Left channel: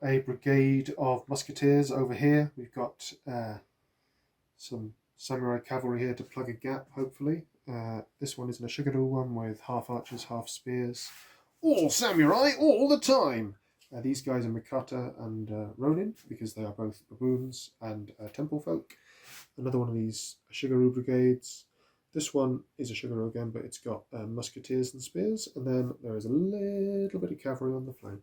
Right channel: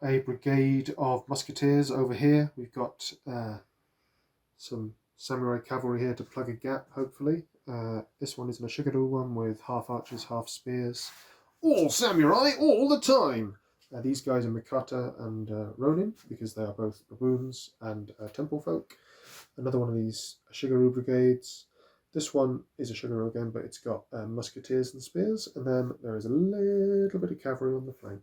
got a brigade of musketeers over here. We've got some samurai cavalry here to plug a gap, hopefully. This one is an Ashigaru one with half archers, half spears. All samurai, all the time! These guys are Mikata and Ronin, because they are both baboons and temple folk. Another one of these Ashigaru brigades. This one is a Ashigaru again, but it's got musketeers and spears. And then there is a little bit of cavalry on the flank.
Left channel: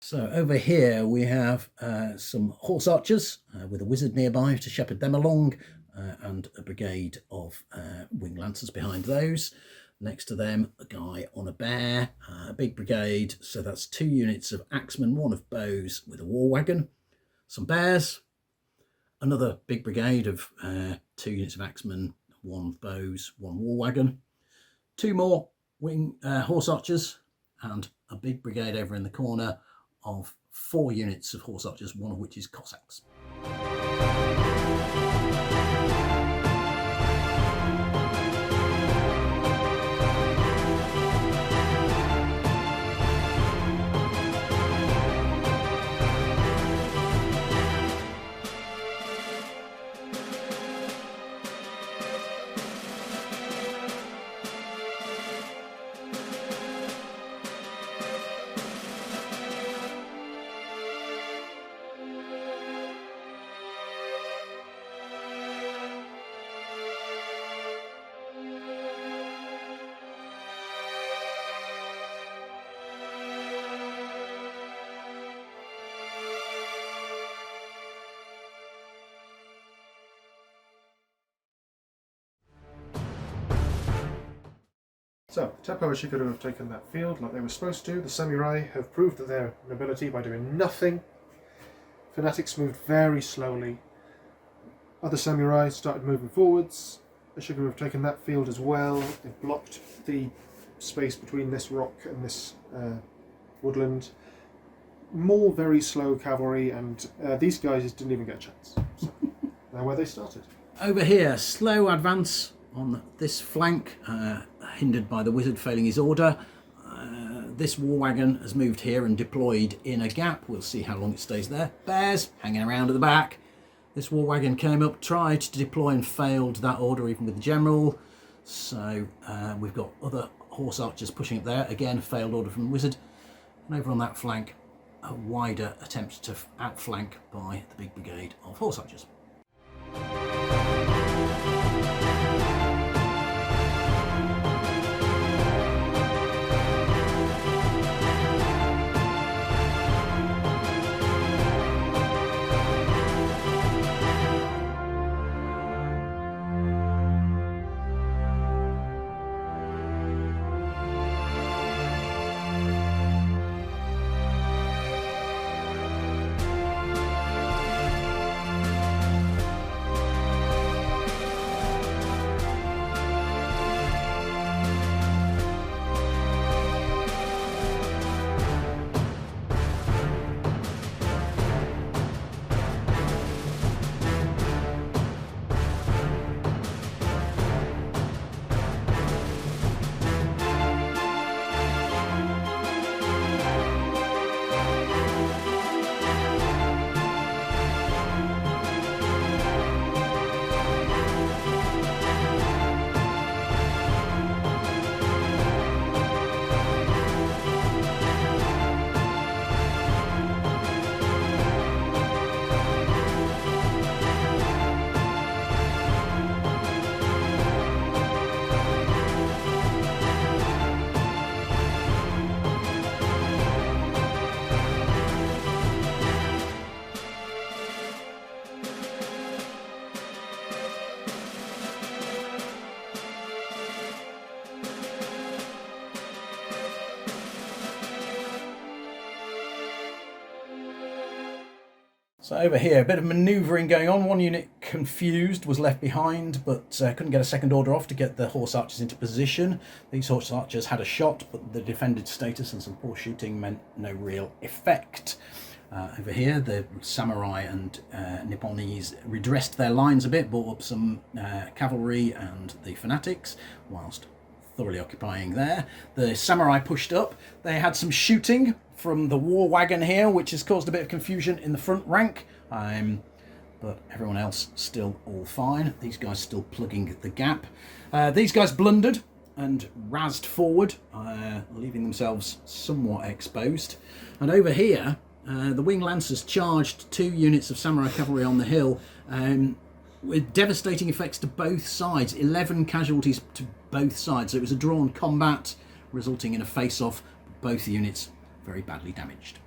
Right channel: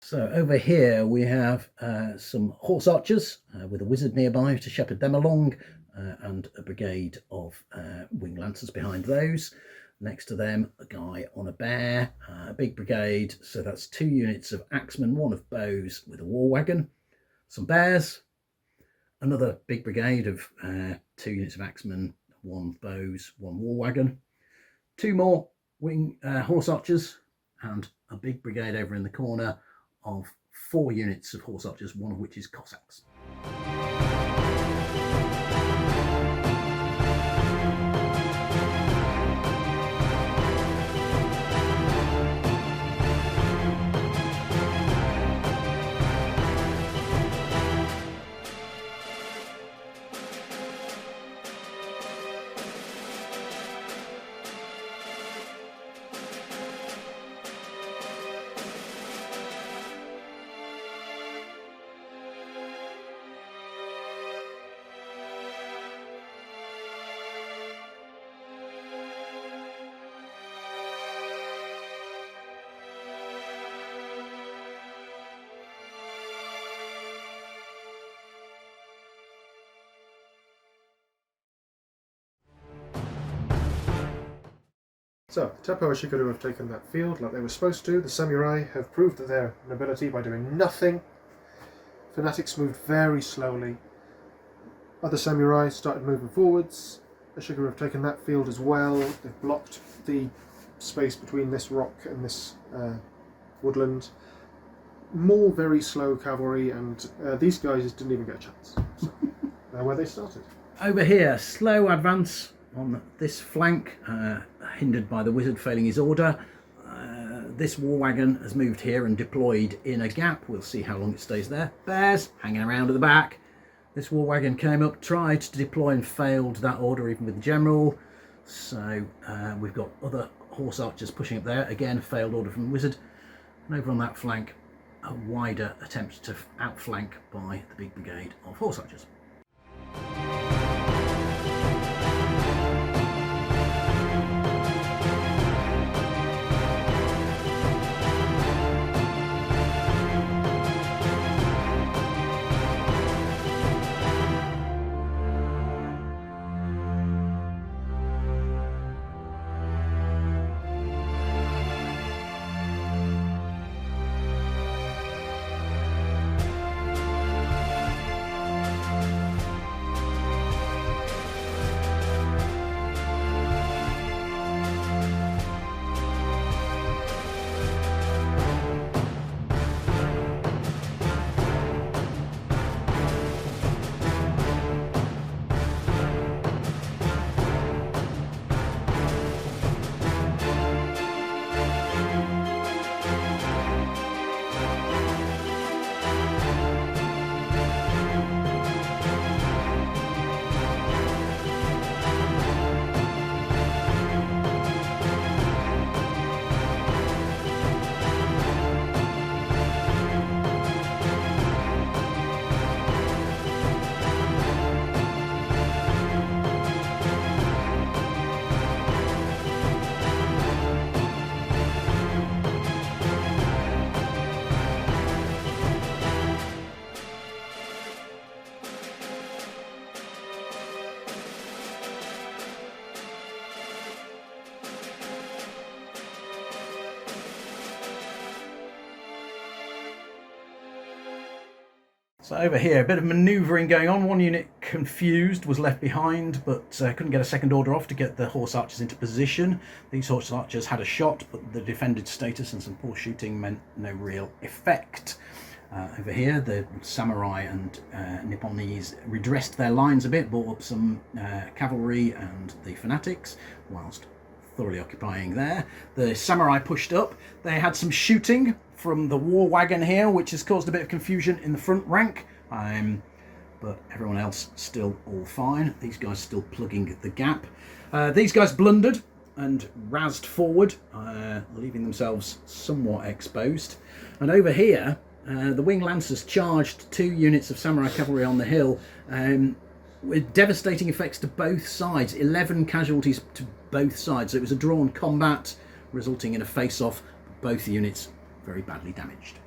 So over here we have some horse archers with a wizard nearby to shepherd them along, and a brigade of winged lancers behind those. Next to them, a guy on a bear, a big brigade, so that's 2 units of axemen, 1 of bows with a war wagon, some bears, another big brigade of 2 units of axemen, 1 bows, 1 war wagon, 2 more horse archers, and a big brigade over in the corner of 4 units of horse archers, 1 of which is Cossacks. So, Teppo Ashigaru have taken that field like they were supposed to. The samurai have proved that their nobility by doing nothing. Fanatics moved very slowly. Other samurai started moving forwards. Ashigaru have taken that field as well. They've blocked the space between this rock and this woodland. More very slow cavalry, and these guys didn't even get a chance. So, they're where they started. Over here, slow advance on this flank, hindered by the wizard failing his order. This war wagon has moved here and deployed in a gap. We'll see how long it stays there. Bears hanging around at the back. This war wagon came up, tried to deploy and failed that order even with the general. So we've got other horse archers pushing up there. Again, failed order from the wizard. And over on that flank, a wider attempt to outflank by the big brigade of horse archers. So over here, a bit of manoeuvring going on. 1 unit confused, was left behind, but couldn't get a second order off to get the horse archers into position. These horse archers had a shot, but the defended status and some poor shooting meant no real effect. Over here, the samurai and Nipponese redressed their lines a bit, brought up some cavalry and the fanatics, whilst thoroughly occupying there. The samurai pushed up. They had some shooting from the war wagon here, which has caused a bit of confusion in the front rank. But everyone else still all fine. These guys still plugging the gap. These guys blundered and razzed forward, leaving themselves somewhat exposed. And over here, the Wing Lancers charged 2 units of samurai cavalry on the hill, with devastating effects to both sides. 11 casualties to both sides. So it was a drawn combat, resulting in a face-off. Both units very badly damaged.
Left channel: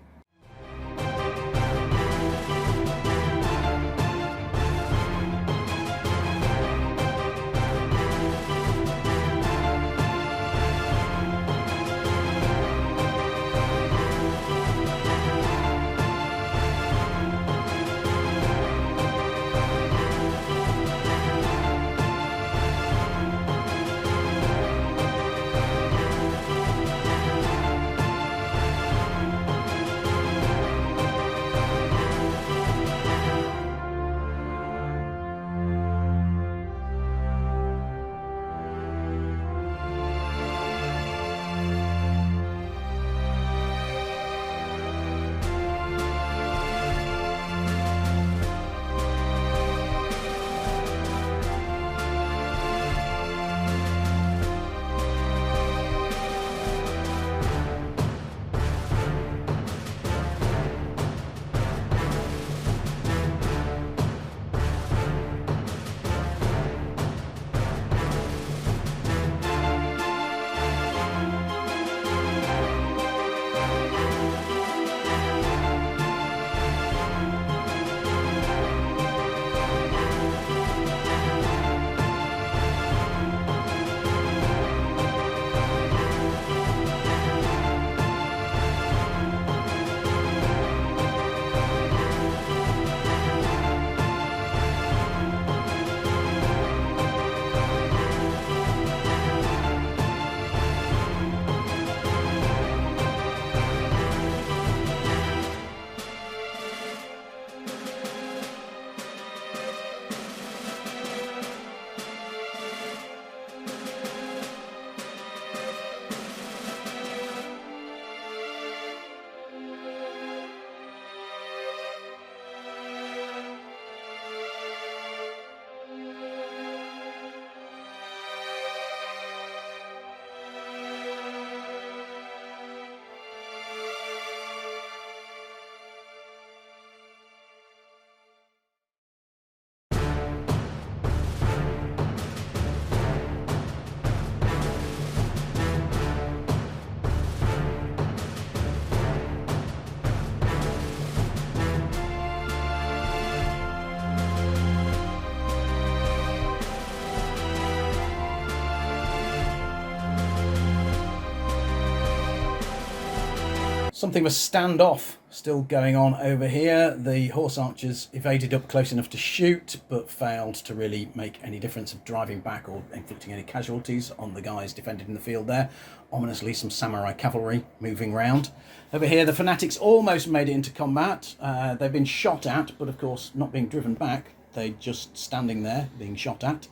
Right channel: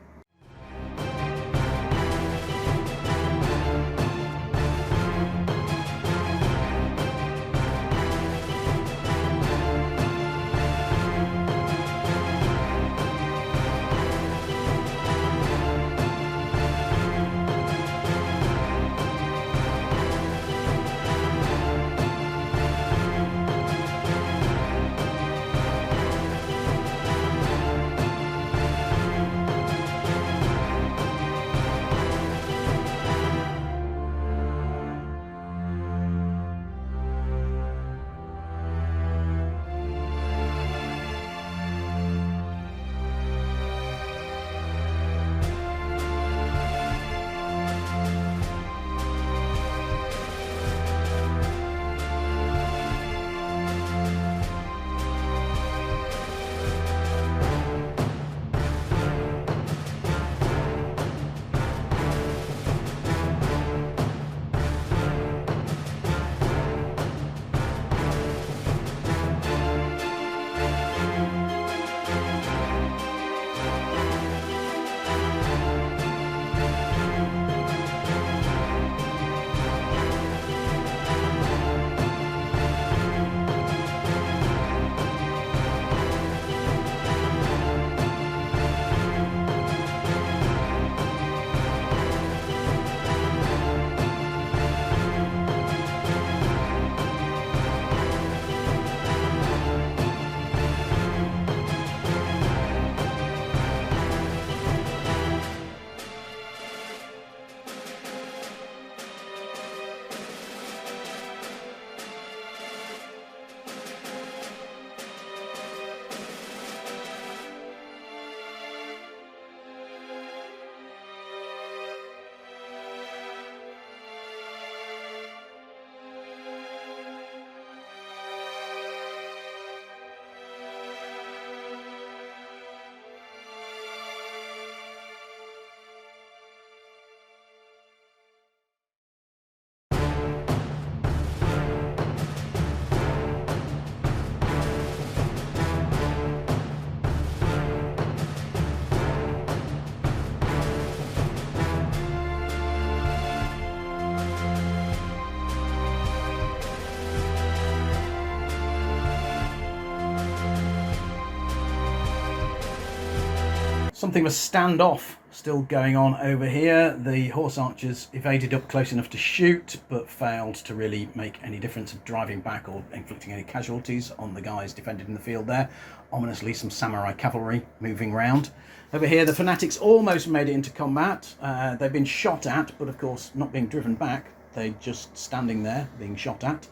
Something of a standoff still going on over here. The horse archers evaded up close enough to shoot, but failed to really make any difference of driving back or inflicting any casualties on the guys defended in the field there. Ominously, some samurai cavalry moving round. Over here, the fanatics almost made it into combat. They've been shot at, but of course not being driven back. They're just standing there being shot at.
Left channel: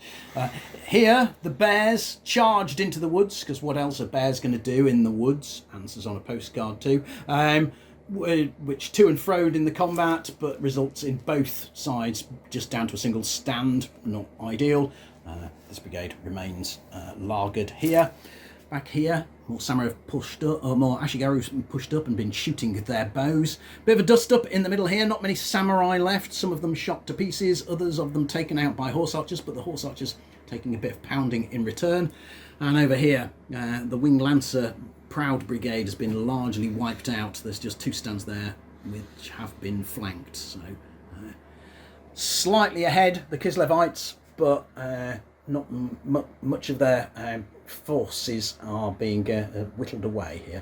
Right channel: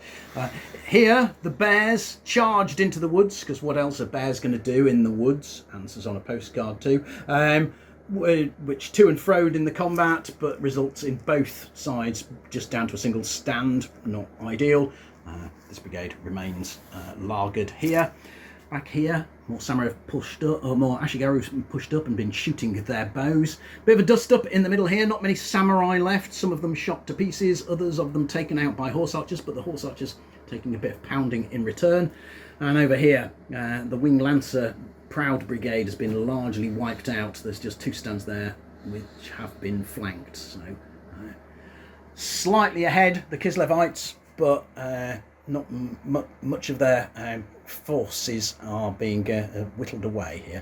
Here, the bears charged into the woods, because what else are bears going to do in the woods? Answers on a postcard too. Which to and froed in the combat, but results in both sides just down to a single stand. Not ideal. This brigade remains lagered here. Back here, more samurai have pushed up, or more Ashigaru have pushed up and been shooting their bows. Bit of a dust up in the middle here, not many samurai left, some of them shot to pieces, others of them taken out by horse archers, but the horse archers taking a bit of pounding in return. And over here, the Wing Lancer Proud Brigade has been largely wiped out. There's just 2 stands there which have been flanked. So slightly ahead, the Kislevites, but not much of their forces are being whittled away here.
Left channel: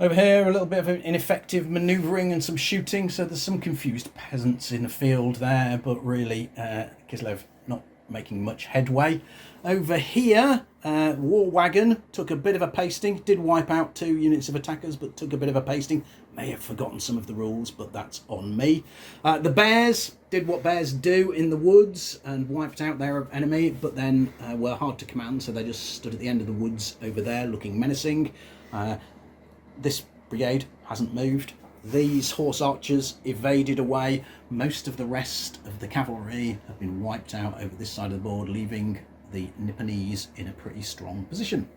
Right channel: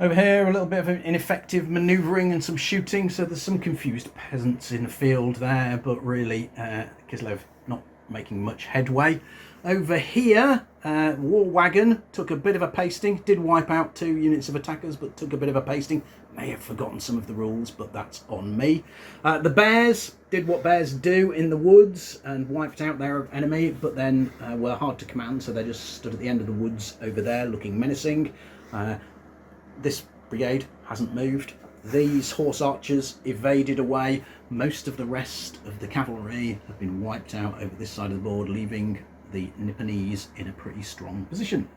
Over here, a little bit of ineffective manoeuvring and some shooting, so there's some confused peasants in the field there, but really Kislev not making much headway. Over here, War Wagon took a bit of a pasting, did wipe out 2 units of attackers, but took a bit of a pasting. May have forgotten some of the rules, but that's on me. The Bears did what bears do in the woods and wiped out their enemy, but then were hard to command, so they just stood at the end of the woods over there looking menacing. This brigade hasn't moved. These horse archers evaded away. Most of the rest of the cavalry have been wiped out over this side of the board, leaving the Nipponese in a pretty strong position.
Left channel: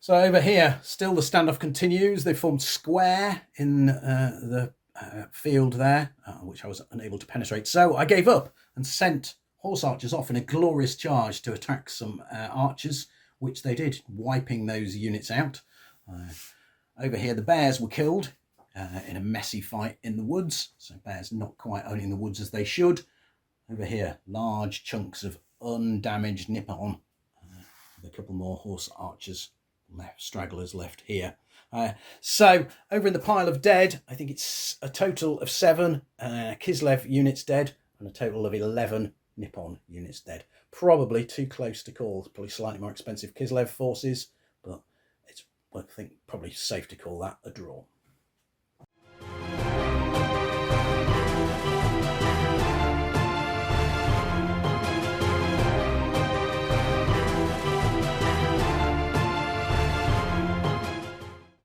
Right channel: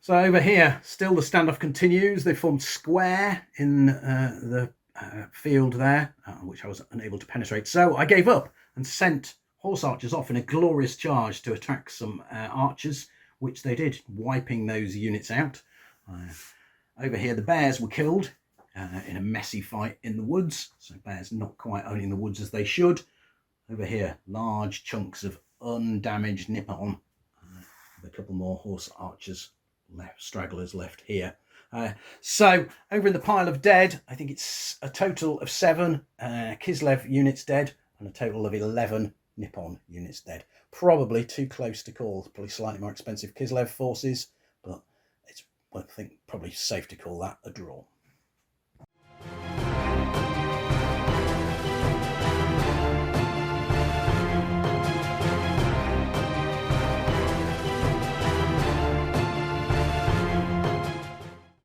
So over here, still the standoff continues. They formed square in the field there, which I was unable to penetrate. So I gave up and sent horse archers off in a glorious charge to attack some archers, which they did, wiping those units out. Over here, the bears were killed in a messy fight in the woods. So bears not quite owning the woods as they should. Over here, large chunks of undamaged Nippon, with a couple more horse archers stragglers left here. So over in the pile of dead, I think it's a total of 7 Kislev units dead and a total of 11 Nippon units dead. Probably too close to call. Probably slightly more expensive Kislev forces, but it's, I think, probably safe to call that a draw.